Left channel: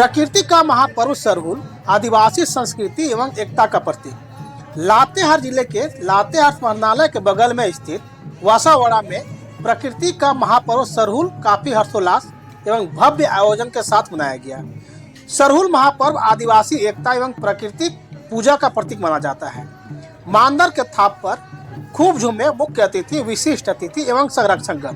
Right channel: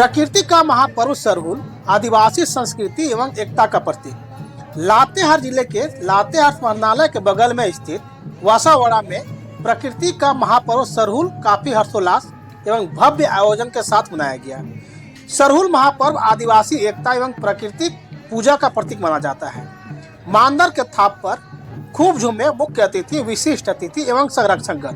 प्रकृति का महापर्व सरहुल आदिवासी संस्कृति एवं एकता का प्रतीक। लातेहार जिले के लातेहार स्मरणालय के बगल में स्थित वासावाड़ा में प्रकृति का महापर्व सरहुल काफी हर्षोल्लास एवं भव्य आयोजन के साथ मनाया गया। सरहुल महापर्व आदिवासी एकता एवं प्रकृति पूजा का प्रतीक माना जाता है। मांदर के थाप पर खूब झूमे मुख्य अतिथि, विशिष्ट अतिथि एवं संरक्षकगण।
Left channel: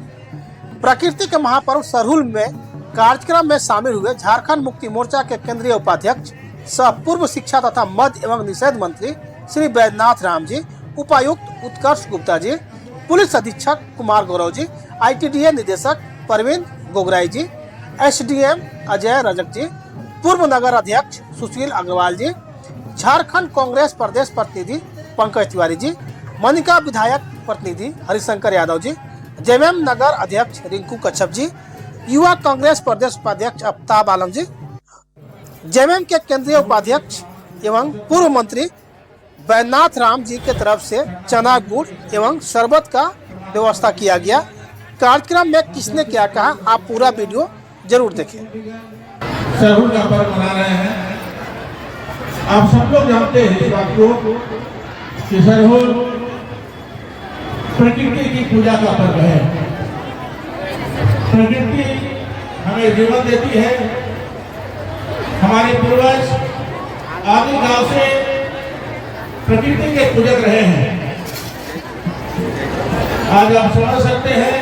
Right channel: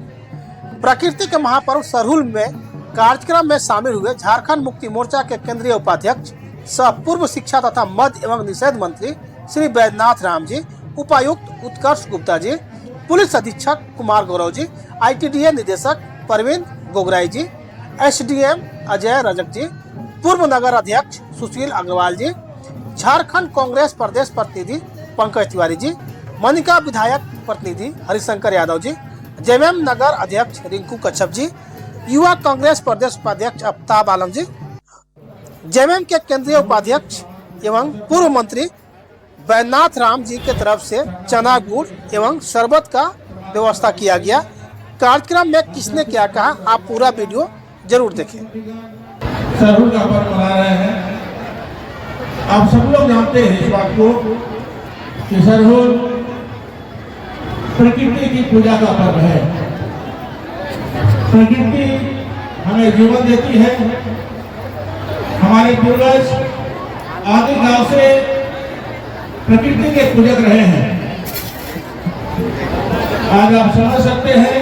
प्रकृति के महापर्व सरहुल में कार्यक्रम में शामिल हुए झारखंड मुक्ति मोर्चा के केंद्रीय उपाध्यक्ष सह पूर्व शिक्षा तथा मध्य एवं निषेध मंत्री श्री बैद्यनाथ राम जी, उपायुक्त उत्कर्ष गुप्ता जी, पुलिस अधीक्षक कुमार गौरव जी, ITDA निदेशक परवीन गोगराई जी, SDM अजय रजक जी, पूर्व नगर अध्यक्ष सुशील अग्रवाल जी, झारखंड कांग्रेस प्रदेश प्रतिनिधि पंकज तिवारी जी, मनिका विधायक प्रतिनिधि हरिशंकर यादव जी, JMM नगर अध्यक्ष रिंकू कच्छप जी, युवा कांग्रेस प्रदेश उपाध्यक्ष आफ्ताब आलम जी, JMM के केंद्रीय उपाध्यक्ष एवं पूर्व मंत्री बैद्यनाथ राम जी के तरफ से चना गुड़ एवं शरबत का व्यवस्था किया गया। कार्यक्रम में किसने क्या कहा, आप पूरा वीडियो जरूर देखें। सरहुल का पर्व मना रहे हैं। आप सब लोग जानते हैं इस बात को कि सरहुल प्रकृति की पूजा का पर्व है। प्रकृति हमें जीवन देती है। हमारे पूर्वज आदिकाल से प्रकृति के पूजक रहे हैं। आज आप समझ सकते हैं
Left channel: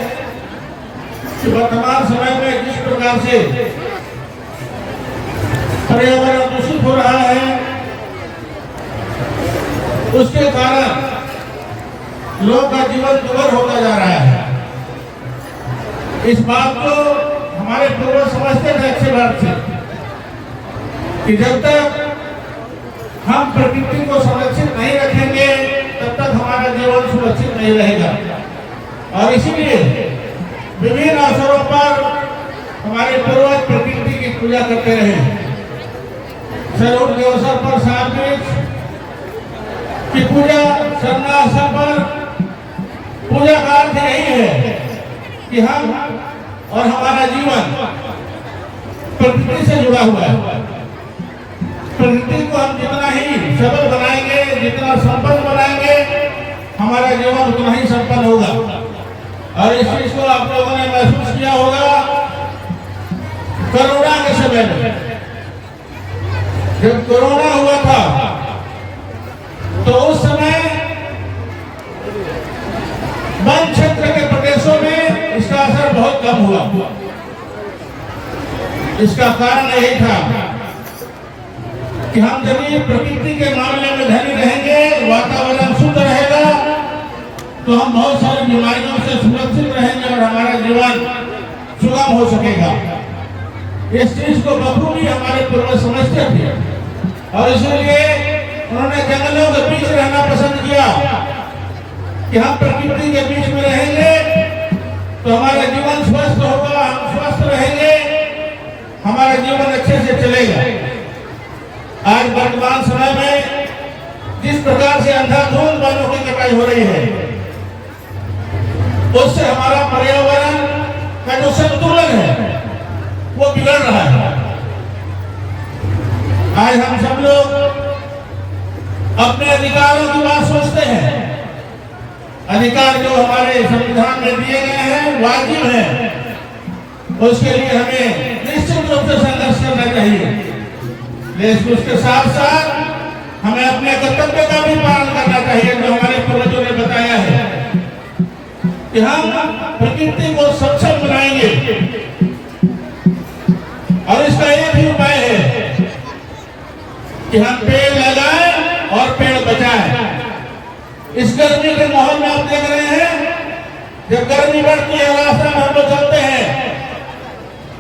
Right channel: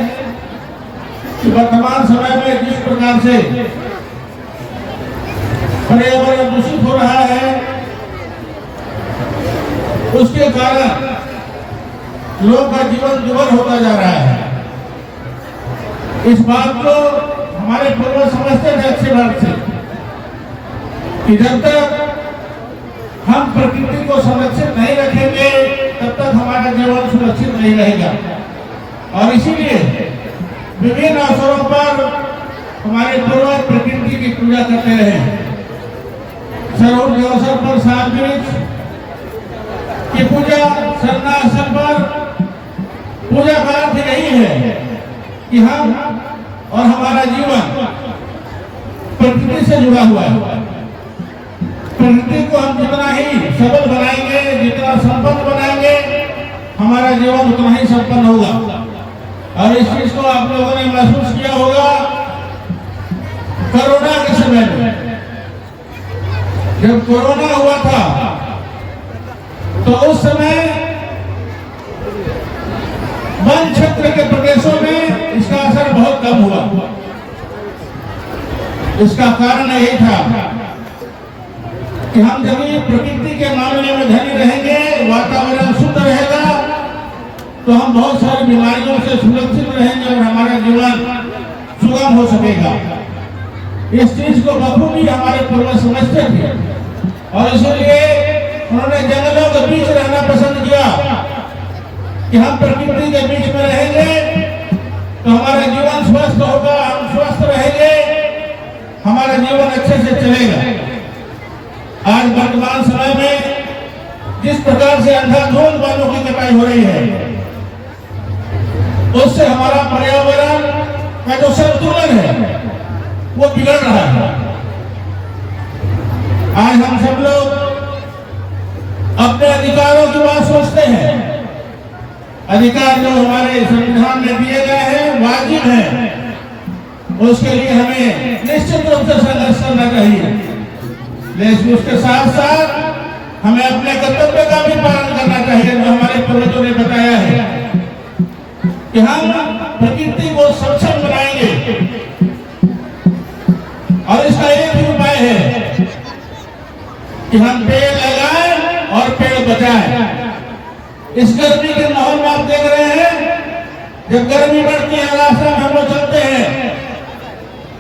कि वर्तमान समय में जिस प्रकार से पर्यावरण दूषित हो रहा है, उसके कारण लोगों का जीवन दुर्भर होता जा रहा है। इस बात को हमारे पूर्वज समझते थे अच्छे बात से कि जब तक हम प्रकृति को संरक्षित नहीं रखेंगे तब तक हमारा जीवन सुरक्षित नहीं रहेगा। और इसीलिए विभिन्न अवसरों पर हमारे पूर्वज प्रकृति की पूजा करते रहे। सरहुल के अवसर पर सात की पूजा सरना पर पूजा का अर्थ यही है कि हम और हमारा जीवन प्रकृति से जुड़ा हुआ है। प्रकृति को हम जितना ही सबल बनाएंगे, जितना संपन्न बनाएंगे, हमारा जीवन उतना ही संपन्न होगा। और इस चीज को आप लोगों ने महसूस किया होगा कोरोना के समय में। जब कोरोना हुआ था तो उस समय वन क्षेत्र के प्रदेशों में इसका असर बहुत कम हुआ। इसका कारण यही था कि हम जब प्रकृति के मामले में धनी रहेंगे, वातावरण शुद्ध रहेगा, तो हम बहुत सारी बीमारियों से सुरक्षित रहेंगे और हमारा जीवन सुगम हो सकेगा। इस चीज को बखूबी हमारे पूर्वज समझते थे और इसलिए उन्होंने जंगलों के बीच रहना पसंद किया कि हम प्रकृति के बीच में रहेंगे तो हमारा जीवन स्वस्थ होगा, हम स्वस्थ रहेंगे, हमारा जीवन अच्छे से चलेगा। आज वर्तमान समय में जिस प्रकार से अंधाधुंध वनों की कटाई हो रही है, उससे हमारा पर्यावरण का जो संतुलन है वो बिगड़ रहा है। आज हम सब लोग अपने अधिकारों की बात सोचते हैं। अधिकार जो हमारे संविधान में दिए गए हैं वाजिब है, उसके लिए हमें निश्चित रूप से संघर्ष करना चाहिए। लेकिन उसके साथ साथ हमें अपने कर्तव्य का भी पालन करना चाहिए जो हमारे पूर्वजों ने बताया है कि हम प्रकृति को सक्षम बनाएंगे। और इसका एक ही उपाय है कि हम पेड़ लगाएं और पेड़ बचाएं। इस गर्मी के माहौल में आप देख रहे हैं, जब गर्मी बढ़ती है, रास्ता में हम लोग चलते हैं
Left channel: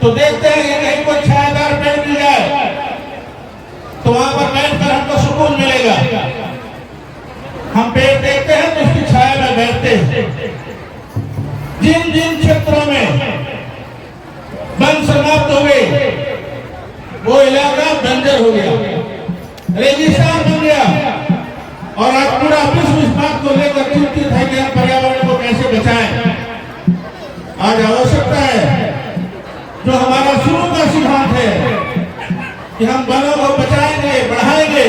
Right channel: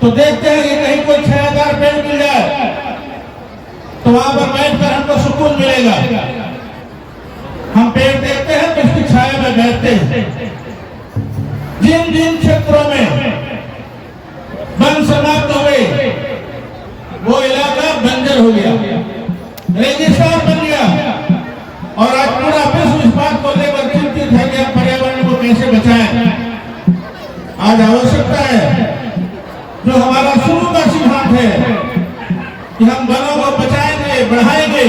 तो देखते हैं कि कहीं कोई छायादार पेड़ मिल जाए तो वहां पर बैठकर हमको सुकून मिलेगा। हम पेड़ देखते हैं तो उसकी छाया में बैठते हैं। जिन जिन क्षेत्रों में वन समाप्त हो गए, वो इलाका बंजर हो गया, रेगिस्तान बन गया। और आज पूरा विश्व इस बात को लेकर चिंतित है कि हम पर्यावरण को कैसे बचाएं। आज आवश्यकता है जो हमारा शुरू का सिद्धांत है कि हम वनों को बचाएंगे, बढ़ाएंगे,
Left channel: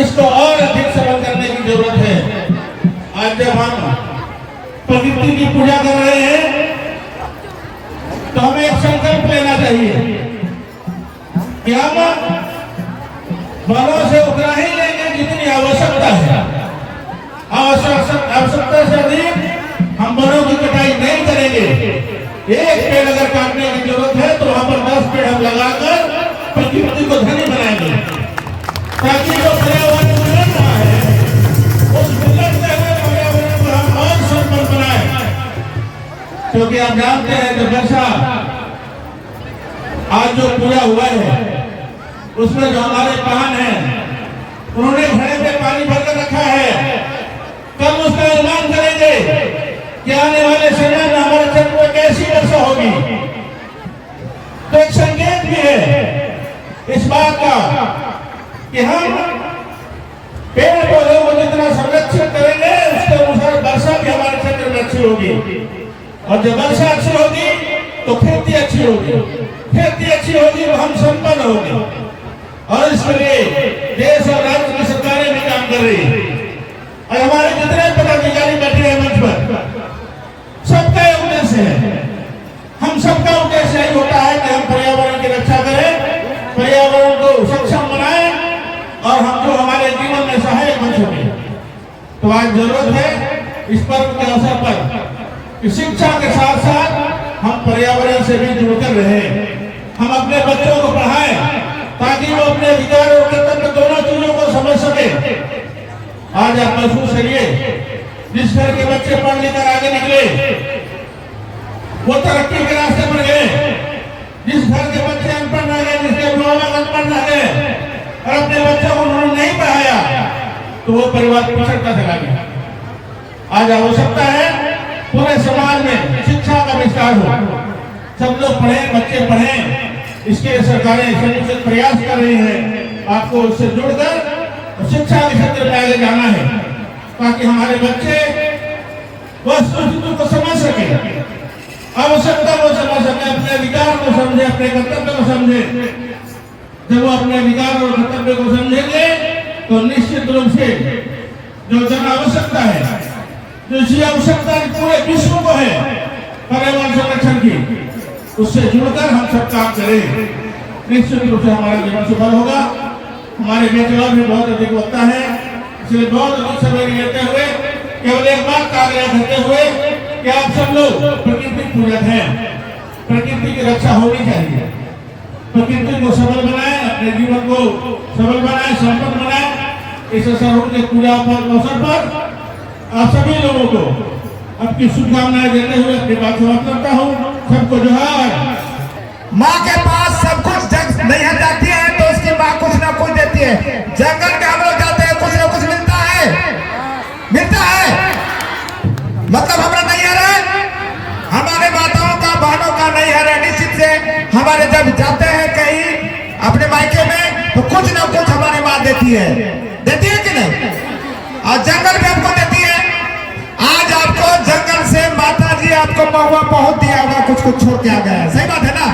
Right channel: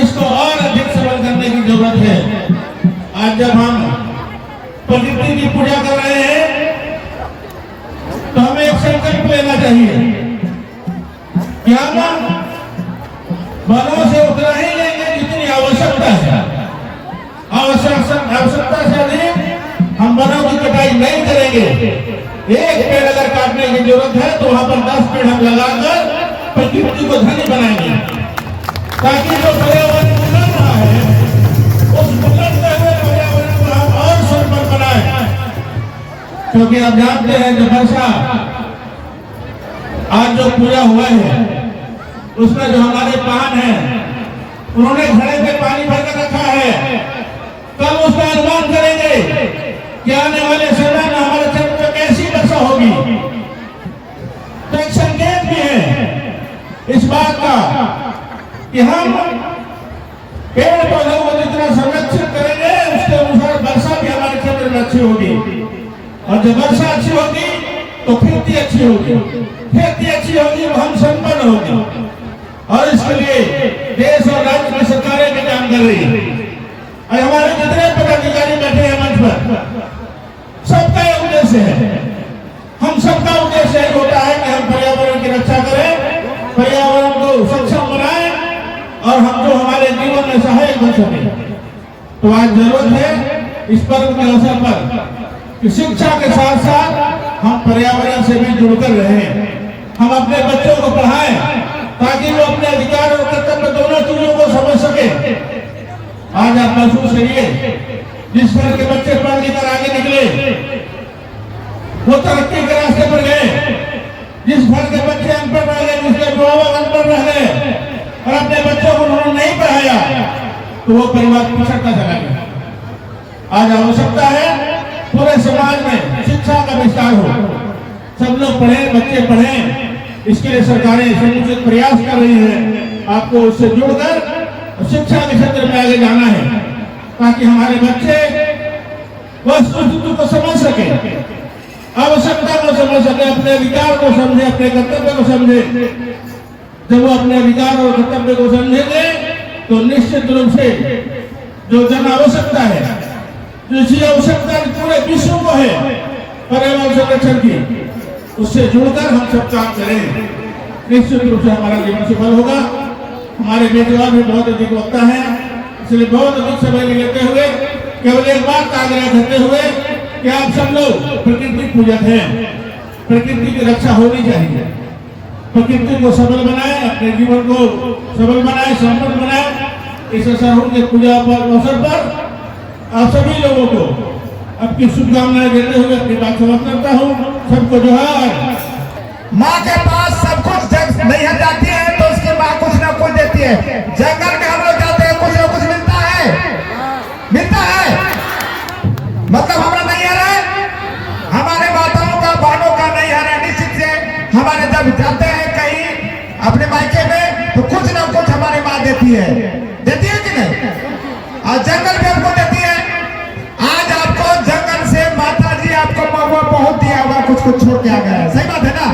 इसको और अधिक सरल करने की जरूरत है। आज जब हम प्रकृति की पूजा कर रहे हैं तो हमें एक संकल्प लेना चाहिए कि हम वनों से उतना ही लेंगे जितनी आवश्यकता है। आवश्यकता से अधिक हम वनों की कटाई नहीं करेंगे। एक पेड़ अगर काटने की जरूरत है तो वहां पर 10 पेड़ हम लगाकर प्रकृति को धनी बनाएंगे, ताकि जो पर्यावरण बिगड़ रहा है उस बिगड़ते हुए पर्यावरण को हम और संपन्न बनाए। क्योंकि आप जानते हैं कि वर्षा आज जो पूजा हुआ है उसमें जो हमारे पान है उन्होंने घड़े में पानी भरकर रखा है। कल उसका अनुमान करेंगे कि आने वाले समय में हमारे क्षेत्र में कैसी वर्षा होगी। तो एक संकेत भी है इस बात का कि हम पेड़ पौधों को जितना संरक्षित करेंगे उसके अनुसार वर्षा भी हमारे क्षेत्र में अच्छी होगी। और जब वर्षा अच्छी होगी तो खेती अच्छी होगी, खेती अच्छी होगी तो हम संपन्न होंगे। और इसके लिए देश और राज्य की सरकारें भी काम कर रही है। और हमारे जितने पदाधिकारी बैठे हैं मंच पर, सबका उद्देश्य है, हम सबका उद्देश्य यही होता है कि हम पर्यावरण की रक्षा करें, पर्यावरण को सक्षम बनाएं और हम जो हमारे जीवन में सहायक बन सके। तो आज जरूरत है इस पर्व के अवसर पर कि शिक्षा के साथ साथ हम पर्यावरण से भी जुड़कर रहें। हम अपने बच्चों को पढ़ाएं ताकि वो अपने अधिकार और कर्तव्य दोनों चीजों को समझ सके। आज आप महसूस करिए, जिस घर के बच्चे पढ़ लिखकर आगे निकले वो तरक्की के रास्ते पर गए। जिस घर के बच्चे अनपढ़ रह गए, जिसके माँ बाप अनपढ़ रह गए और अपने बच्चों को उन्होंने नहीं पढ़ाया तो वो परिवार पिछड़ता चला गया। आज आवश्यकता है पूरे समाज में शिक्षा का विस्तार हो, सब लोग पढ़ें, बच्चे पढ़ें। इसके लिए सरकारें समुचित प्रयास कर रही है। आपको उससे जुड़कर शिक्षा के क्षेत्र में आगे जाना है ताकि हमारे बच्चे वस्तुस्थिति को समझ सके, आवश्यकता को समझ सके, अपने अधिकार को समझे, अपने कर्तव्य को समझे। जब वो अपने अधिकार और कर्तव्य को समझेंगे तो निश्चित रूप से जो जन आवश्यकता है, जो इसी आवश्यकता पूरे विश्व को है पर्यावरण संरक्षण की, उससे जुड़कर हम सब काम करें, निश्चित रूप से हमारा जीवन सफल होगा। हमारे मेजबान में बहुत अधिक वक्ता है, इसलिए बहुत अधिक समय लेते हुए केवल एक बात का आग्रह करते हुए कि आप सब लोग प्रकृति पूजक हैं, प्रकृति की रक्षा होनी चाहिए। प्रकृति को सबल बनाए, अपने जीवन को सबल बनाए, संपन्न बनाए। इस सरहुल के पूजा अवसर पर आप सभी लोगों को अपनी शुभकामनाएं देते हुए अपनी बात समाप्त करता हूँ। सबको जोहार। माँ के पास सब कुछ नहीं जाती है तो उसकी माँ कुछ ना कुछ देती है। जंगल में हम लोग जाते हैं, कुछ ना कुछ मिलता है, मिलता है। मतलब हमारा नहीं आ रहा है, हमारे माताओं का, बहनों का नहीं आ रहा है। निश्चित से हमारे जब जाते हैं कहीं अपने मायके में तो कुछ ना कुछ हमारी माँ देती है, देती है कि नहीं? आज जंगल में हमको देती है। आज आपको जंगल से माता जी आपको मौका बहुत दिया, हमारा कुछ कुछ छोड़ के आ गया। सही बात है ना?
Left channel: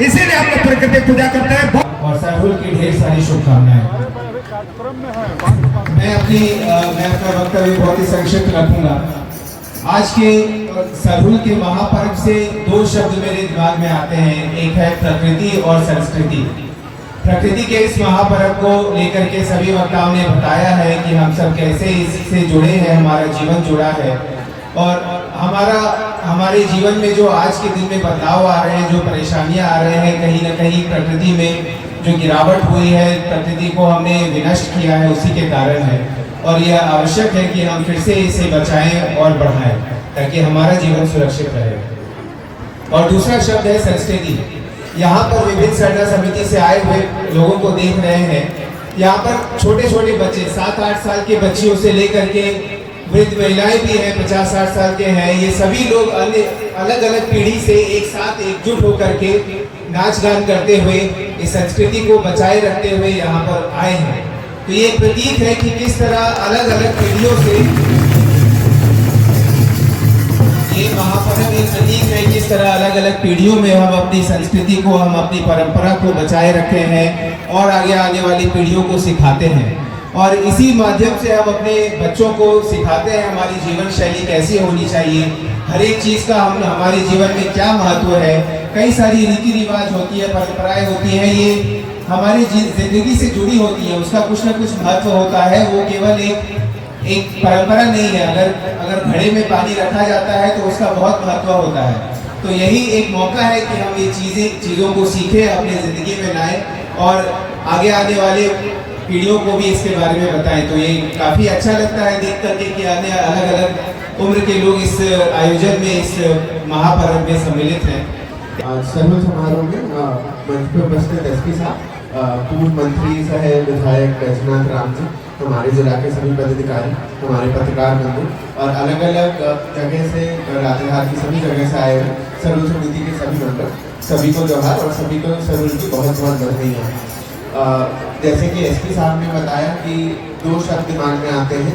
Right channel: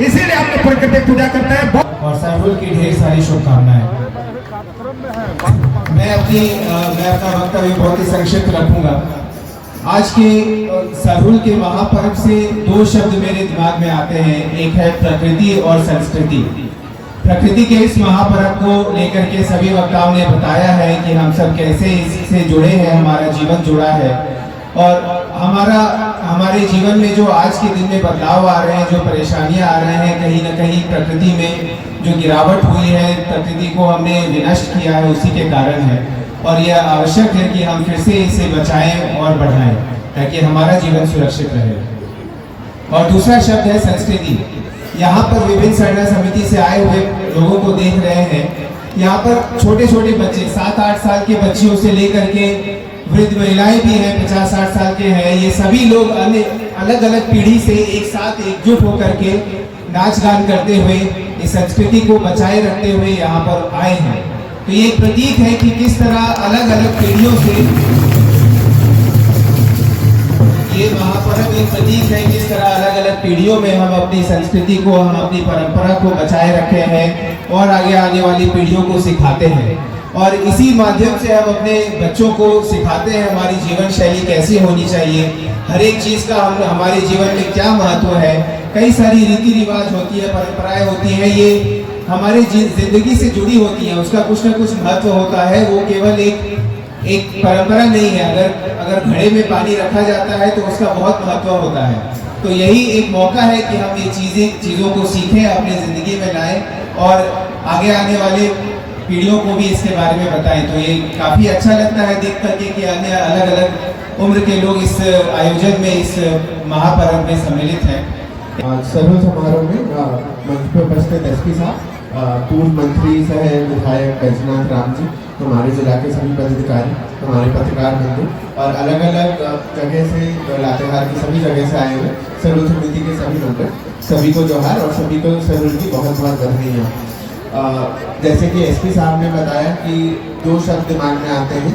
इसीलिए हम लोग प्रकृति पूजा करते हैं। और सरहुल की ढेर सारी शुभकामनाएं। मैं अपना वक्तव्य बहुत ही संक्षिप्त रखूंगा। आज के सरहुल के महापर्व से दो शब्द मेरे दिमाग में आते हैं, एक है प्रकृति और संस्कृति। प्रकृति के इस महापर्व को लेकर के सभी वक्ताओं ने बताया है कि हम सब कैसे इससे जुड़े हैं, हमारा जीवन जुड़ा है और हमारे जीवन में जो आज के दिन में बदलाव आ रहे हैं, जो परेशानियां आ रहे हैं, कहीं ना कहीं प्रकृति में जो गिरावट हुई है, प्रकृति को हमने विनष्ट किया है, उसी के कारण है। और यह आवश्यक है कि हम फिर से इसे बचाएं और बढ़ाएं ताकि हमारा जीवन सुरक्षित रहे। और दूसरा शब्द है संस्कृति। यहाँ पर विभिन्न सरना समिति से आए हुए लोगों को देख रहे हैं। यहाँ पर छोटे छोटे बच्चे 7-8 साल के बच्चियों से लेकर के वृद्ध महिलाएं भी हैं, 50-60 साल के हैं। ये सभी लोग अलग अलग पीढ़ी से एक साथ एकजुट होकर के नाच गान करते हुए इस संस्कृति को बचाए रखते हुए यहाँ पर आए हैं। तो ये प्रतीक है कि किस तरह अलग अलग पीढ़ियों से ये महापर्व एक प्रतीक है किस तरह अलग अलग पीढ़ियों में हम अपनी संस्कृति को, हम अपनी परंपरा को बचाए रखे हैं और आगे वाली पीढ़ियों को सिखाते हैं। और इसी माध्यम से हम अपने बच्चों को सिखाते हैं हमारी जीवन शैली कैसी होनी चाहिए, हर एक चीज़ का हमारे जीवन में क्या महत्व है। कई सारी रीति रिवाज होती है, परंपराएं होती हैं, ये हमारी जिंदगी से जुड़ी होती हैं, उसका कुछ ना कुछ महत्व होता है। वो केवल एक परंपरा नहीं है। अगर घड़े में पानी रखा जाता है तो उसका बहुत महत्व होता है। तो यही एक मौका है कि हम ये चीज़ों को सीखें, अपनी ज़िंदगी में लाएं और आगे वाले पीढ़ियों को भी इसके बारे में बताएं। तो ये काफ़ी अच्छा लगता है देख करके कि अलग अलग उम्र के लोग इस आयोजन में, इस महापर्व में सम्मिलित हैं। सर्व समारोह में मंच पर उपस्थित एसपी साहब, पूर्व मंत्री सह विधायक बैजनाथ राम जी, हमारे जिला के सभी पदाधिकारी, हमारे पत्रकार बंधु और अलग अलग जगह से, लातेहार की सभी जगह से आए हुए सर्व समिति के सभी मेंबर, सभी को जोहार और सभी को सर्व की बहुत बहुत बधाइयाँ। जैसे कि एसपी साहब ने बताया कि दो शब्द दिमाग में आते हैं,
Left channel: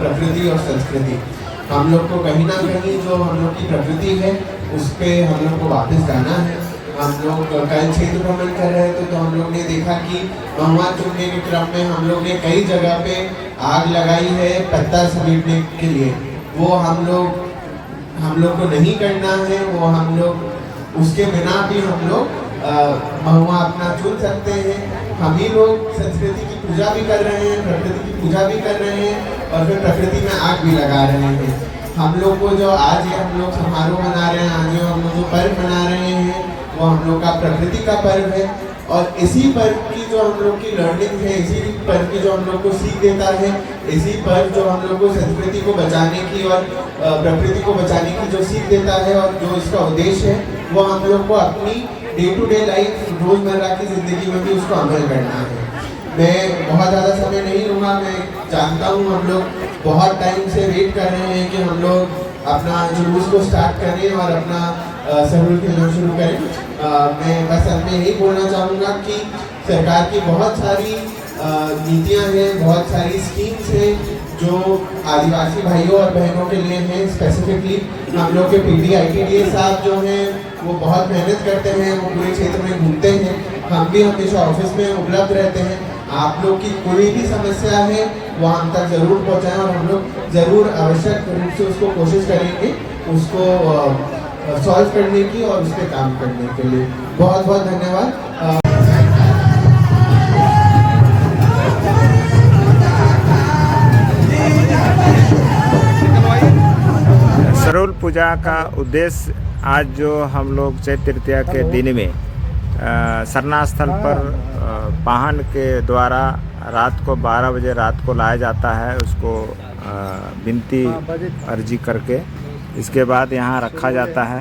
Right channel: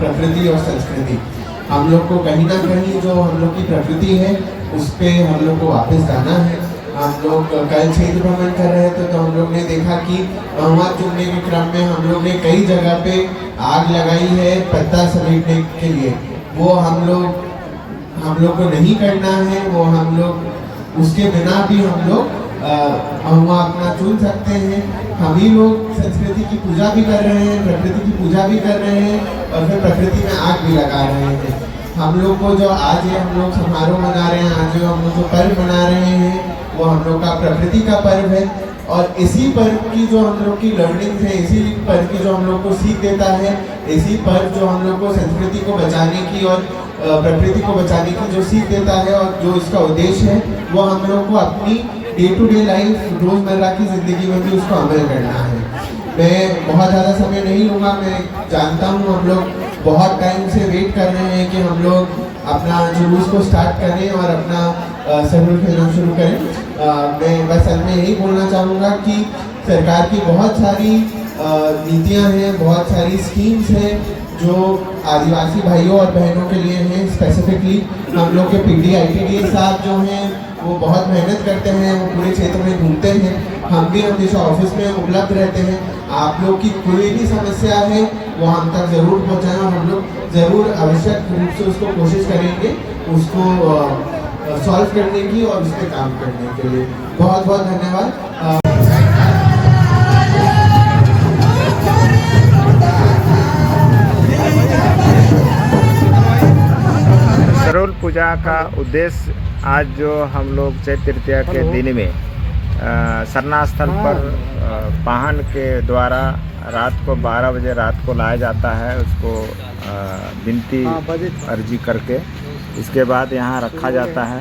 प्रकृति और संस्कृति। हम लोग को कहीं ना कहीं जो हम लोग की प्रकृति है उस पर हम लोग को वापस जाना है। हम लोग कल क्षेत्र भ्रमण कर रहे थे तो हम लोग ने देखा कि बहुमत चुनने के क्रम में हम लोग ने कई जगह पे आग लगाई है पत्ता समेटने के लिए। वो हम लोग को नहीं करना है। वो हम लोग उसके बिना भी हम लोग महुआ अपना चुन सकते हैं। हम ही लोग संस्कृति की पूजा भी कर रहे हैं, प्रकृति की पूजा भी कर रहे हैं और फिर प्रकृति में आग भी लगा रहे हैं। हम लोग को जो आज है, हम लोग समारोह मना रहे हैं, आज जो हम लोग जो पर्व मना रहे हैं वो हम लोग का प्रकृति का पर्व है। और इसी पर्व की जो हम लोग की लर्निंग है, इसी पर्व की जो हम लोग को सीख देता है, इसी पर्व जो हम लोग को संस्कृति को बचाने की और प्रकृति को बचाने की जो सीख देता है और जो इसका उद्देश्य है वो हम लोग को अपनी डे टू डे लाइफ, रोजमर्रा की जिंदगी में भी उसको अमल करना है। मैं बहुत ज़्यादा समय नहीं लूँगा। मैं जानता हूँ हम लोग बहुत टाइम से वेट कर रहे हैं कि हम लोग अपना जुलूस को स्टार्ट करें और अपना सर्व खेलना शुरू करें। मैं बस अंत में यही बोलना चाहूँगा कि सरकार की बहुत सारी नीतियाँ हैं, बहुत सारी स्कीम्स हैं जो आदिवासी भाइयों और बहनों के लिए हैं। स्पेसिफिकली हम लोग के पीडी ITDA साहब जो हैं वो बहुत मेहनत करते हैं, वो पूरे क्षेत्र में घूमते हैं। हम भी हमेशा ऑफिस में उपलब्ध रहते हैं। आप लोग की कोई भी समस्या है वो हम तक ज़रूर पहुंचाएं और हम लोग ज़रूर आवश्यक रूप से उसको कोशिश करेंगे उसको सॉल्व करने की और उस पर काम करने के लिए। बहुत बहुत धन्यवाद। सरोल पूजा का उद्देश्य आज जो हम लोग चैत्र तृतीया के दिन में सरना स्थल पर वाहन के द्वारा रात को 12 बजे रात को लाया जाता है। उसको विनती अर्जी करके इसके बाद यहाँ रखा जाता है।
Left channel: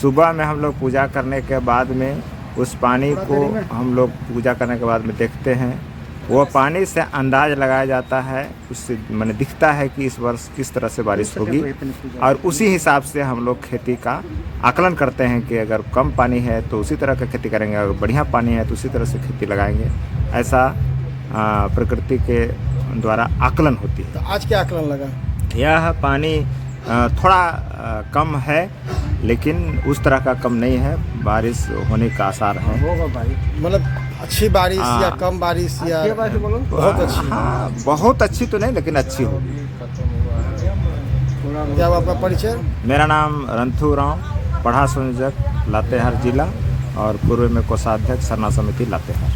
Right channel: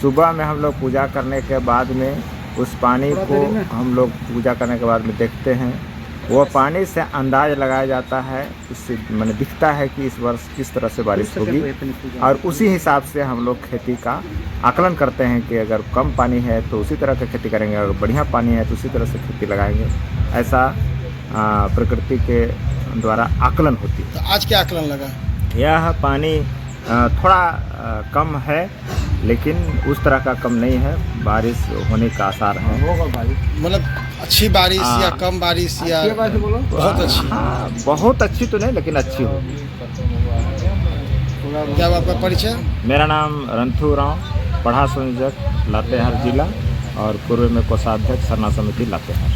सुबह में हम लोग पूजा करने के बाद में उस पानी को हम लोग पूजा करने के बाद में देखते हैं। वो पानी से अंदाज लगाया जाता है, उससे मैंने दिखता है कि इस वर्ष किस तरह से बारिश होगी और उसी हिसाब से हम लोग खेती का आकलन करते हैं कि अगर कम पानी है तो उसी तरह का खेती करेंगे, अगर बढ़िया पानी है तो उसी तरह से खेती लगाएंगे। ऐसा प्रकृति के द्वारा आकलन होती है। तो आज क्या आकलन लगा? यह पानी थोड़ा कम है लेकिन उस तरह का कम नहीं है, बारिश होने का आसार है। मतलब अच्छी बारिश या कम बारिश या बहुत अच्छी? हाँ, बहुत अच्छी तो नहीं लेकिन अच्छी होगी। क्या आपका परिचय? मेरा नाम रंथू राव, पढ़ा संयोजक लातेहार जिला और पूर्व में कोषाध्यक्ष सरना समिति लातेहार।